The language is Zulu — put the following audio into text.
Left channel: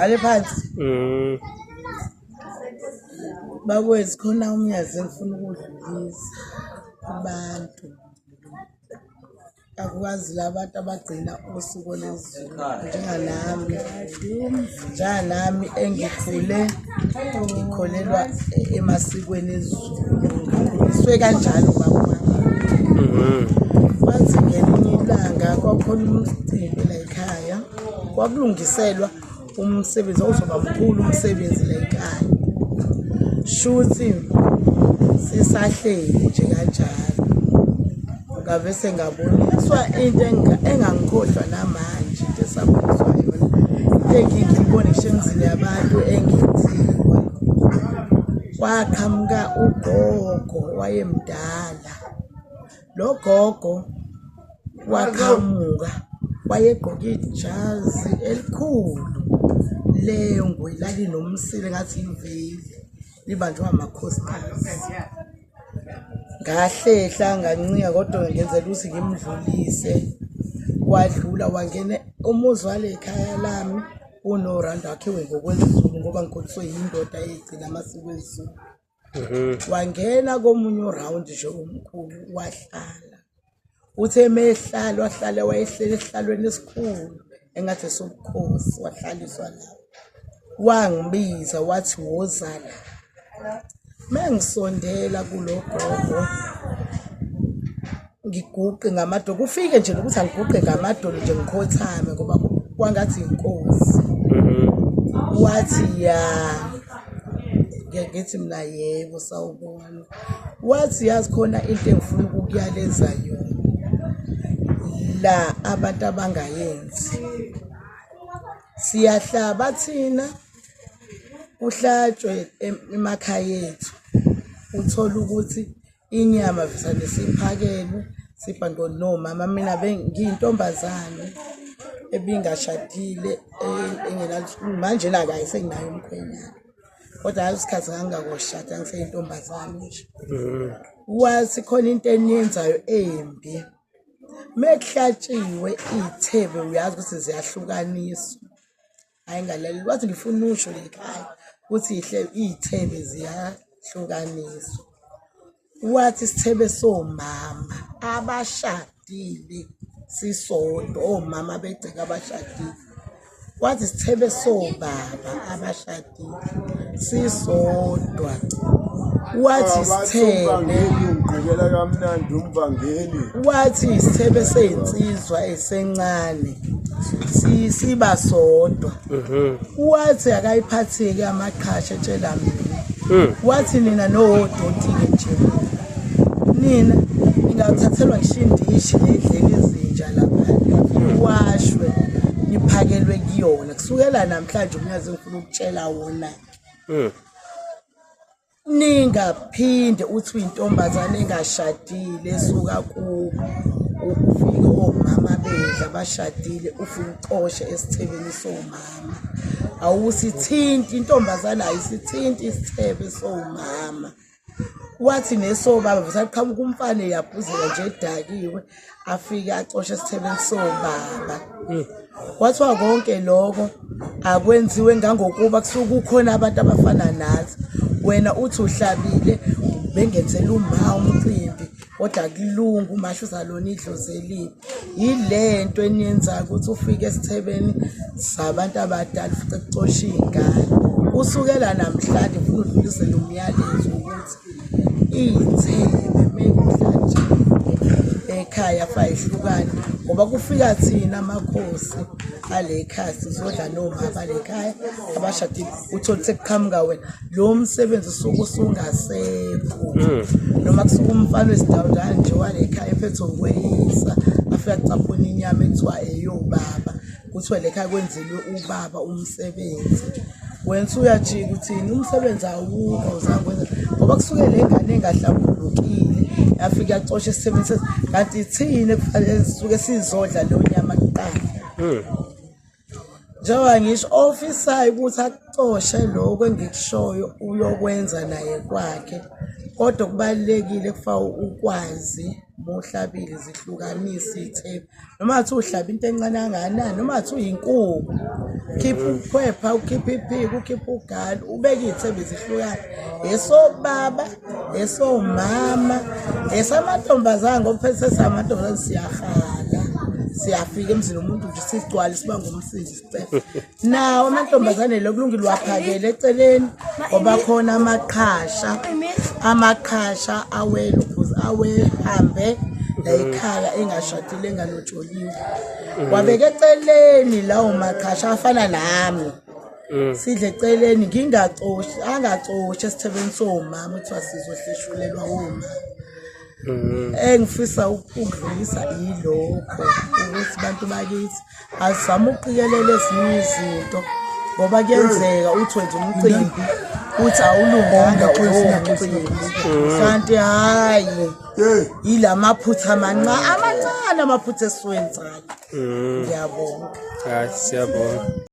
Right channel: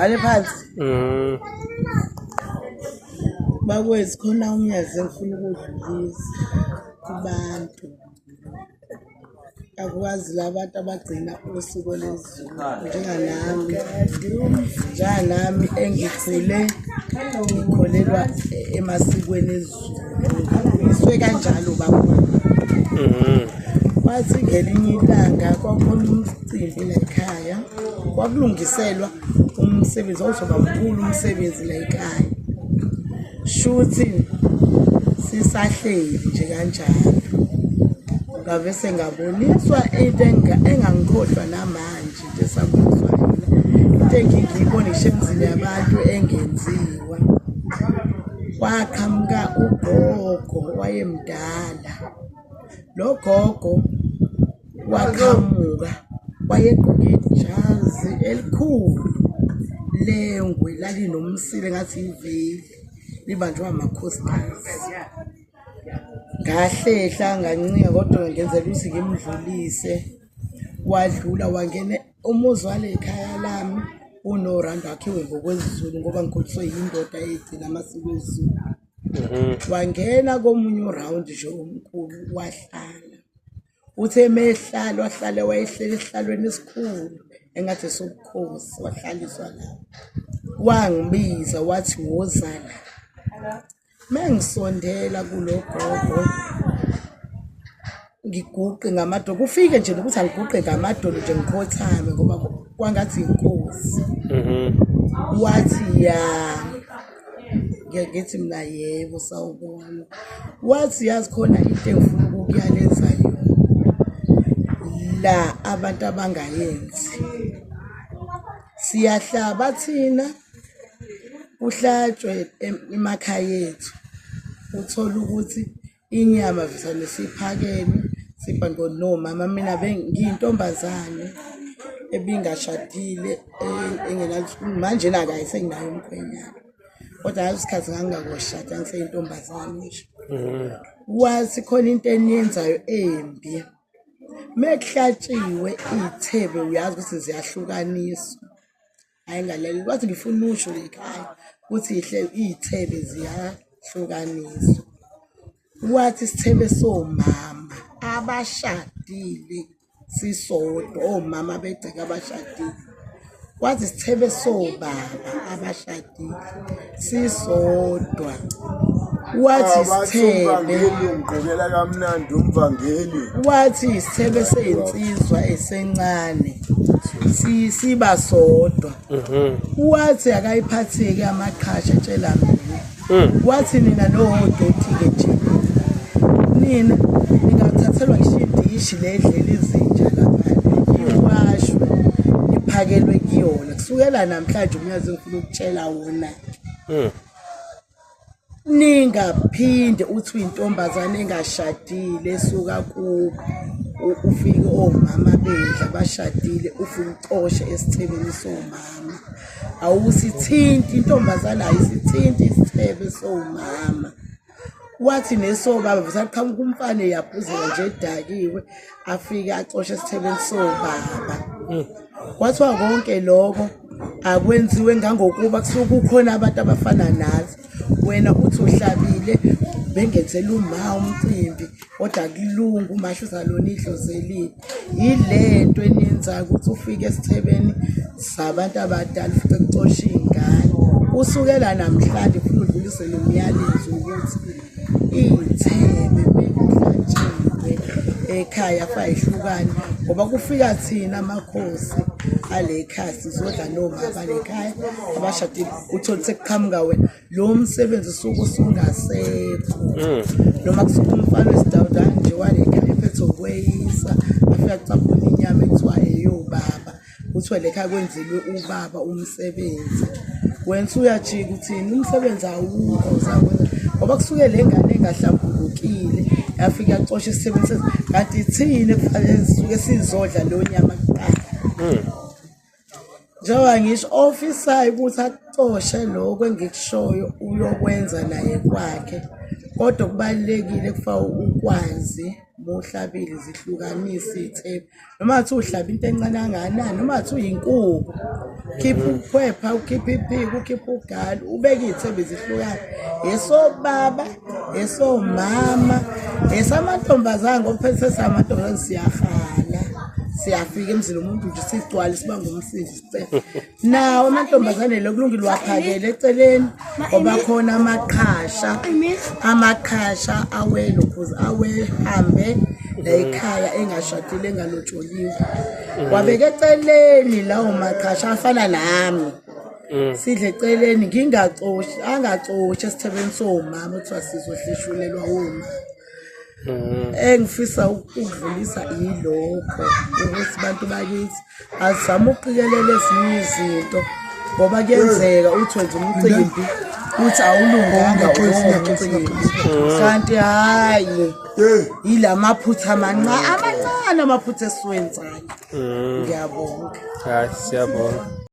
Ale phansi. Bakwethu khona umyazi engifuna ukudlulisa kubantu. Akwazi labantu abagcina usuku lezulu njenganami engikhule ngikholelwa emasikweni ezulu. Iswe kanjalo baba. Wathi ngelinye ilanga kwakhona umcimbi la ekhaya. Kwakulungiselwa umsebenzi ozoba mkhulu umsebenzi la ekhaya. Shuthi sisahleli nje kanjalo. Ngavese ngaboniswa into engangikhohlwa namanje into esakhohlwa into engiyibona ishengizini yabantu engenziwa. Kwaqhamuka ugogo wayemdala. Lo gogo waqhamuka wayegqoke ijazi elikhulu lengwe lalinomsile ngathi iveli libanjwa amakhosikazi. Ngahlehla ngancika kodwa ngenzela ukuthi ngimdlulise. Wadlula wangena umuzi wale ekhaya lami unoranda wakhiwe ngokwezulu ngoba ngikholiswe yindoda egcina amasiko ezulu. Wangena komunye uround nje omkhulu wahlala. Uthe mehlala wahlala wayehlele esihlalweni esikhulu engathi sobukhosi wahlaliswa lapho. Wangibiza wathi woza la. Mengisondela kulogogo ngiguqe ngamadolo kufike nje ukuthi angiguqe ngamadolo nje ngikhothame ngoba kwangathi inkosi. Wathi ya ngithi mina yebo sawubona. Wathi yazi khona into engifuna ukuyaleza yona la abantu abangayenzi. Siyahlaba thina uhlatshwe emakhaya ethu. Uthola ukuthi inyama visane siphakelwe sibhanqo nomama mina ngiyintombazane ebingashadile manje la kayi senginayo umkhwenyana. Kodwa ngasikhathi ngangakoshada ngiseyintombazane nje. Wathi khona into eniyenzayo embi. Mekuhlatshiwe ithebe uyazi ukuthi ziyahlukaniswa. Ayingalaleli wathi ngifuna usho lekhaya ukuthi ithebe ziyahlukaniswa. Wathi isithebe somama abashadile sisodwa omama begceka abashadile. Wathi isithebe sobaba abashadile sisodwa. Wathi isithebe ngqubela kamnandi umvangeli. Wathi isithebe seyinsizwa esencane siba sodwa. Wathi akayiphatheke amaqhasha etshela mina. Wathi nina nodoti ke nje nina ningathathelwa ishindishi ledlela ezintsha lapha iwashwe iphakelwe kuyona kusukela namhlanje umnyazi ngifuna ukutshela wona. Ningaphinde uthi uyintombazane engashadile esuka ku ufike omama bedla bashadile ufike ucoshe esithebeni somama. Awusithinti intombazane ayisithinti isithebe somama. Wathi nesobaba visaqhamuka umfana yaphuzela nje edakiwe afike acoshe esithebeni sobaba. Kwathiwa konke lokho akwenziwe ngangokuba kusuka kukhona abantu abafana nathi. Wena uthi uhlabile bengenzela uma umcimbi kodwa kulungu masho uzalona idlozelile. Yilento eniyenza ukuthi ufike esithebeni sabantu abadala ufike kucosha izingane. Usukela namhlanje ufuna udlulise lo myalezo ukuthi ithebe mekuhlatshiwe ekhaya fayihlukane ngoba kufika thina amakhosi ale ekhaya sizodla nomama lekhaya abashadile uthola sekuqhamuka wena lo msebenzi usuku usungasekho. Noma kusuka umfana wesidawudana nje wale ekhaya ephethe ukweyisa afika kucaphuna inyama ethiwa eyobaba kuthiwa lekhaya kwenzelwe ubaba umsebenzi. Wena uyajika uthini umsebenzi awukho uzakwenza ngoba kusuke lengane engahlambulukile yafika yacosha isithebeni kanti thina kufanele sisuke sizodla lo nyama kuqala. Njengoba ngisho officer ukuthi acoshe lokho engikushoyo uyokwenza naye kwakhe kodwa kubalulekile kufa ukwazi mohlabile zihlukanise ithemba noma athi uhlaba into encane kangakanani noma athi uyinkukhu khipha ukhwepha ukhipha iphiko ukhipha ugali ubeke ithemba zihlukane esobaba esomama esamantombazane ngoba phela sesamantombazane siyahala siyafika emzini umuntu nje sigcwala sibanga umsindi sicela nawo amantombazane lokulungile waphakela eceleni ngoba khona amaqhasha awelo phuzi awehambe ekhaya engashadile engalotsholiwe wabeka eceleni lawo maqhasha afana nami sidle eceleni ngingacoshi angacoshi esithebeni somama kuthiwa sizohleshulelwa uma engifisa ukudlulisa ilokho ukuthi abantu bakithi azama uqikelela ezinye izinto ngoba kuyenzeka uthi wenza umcimbi uthi awulunganga umcimbi kanti hayi ilamaphutha amancane amaphutha esiwenzayo ngiyabonga hayi siyabonga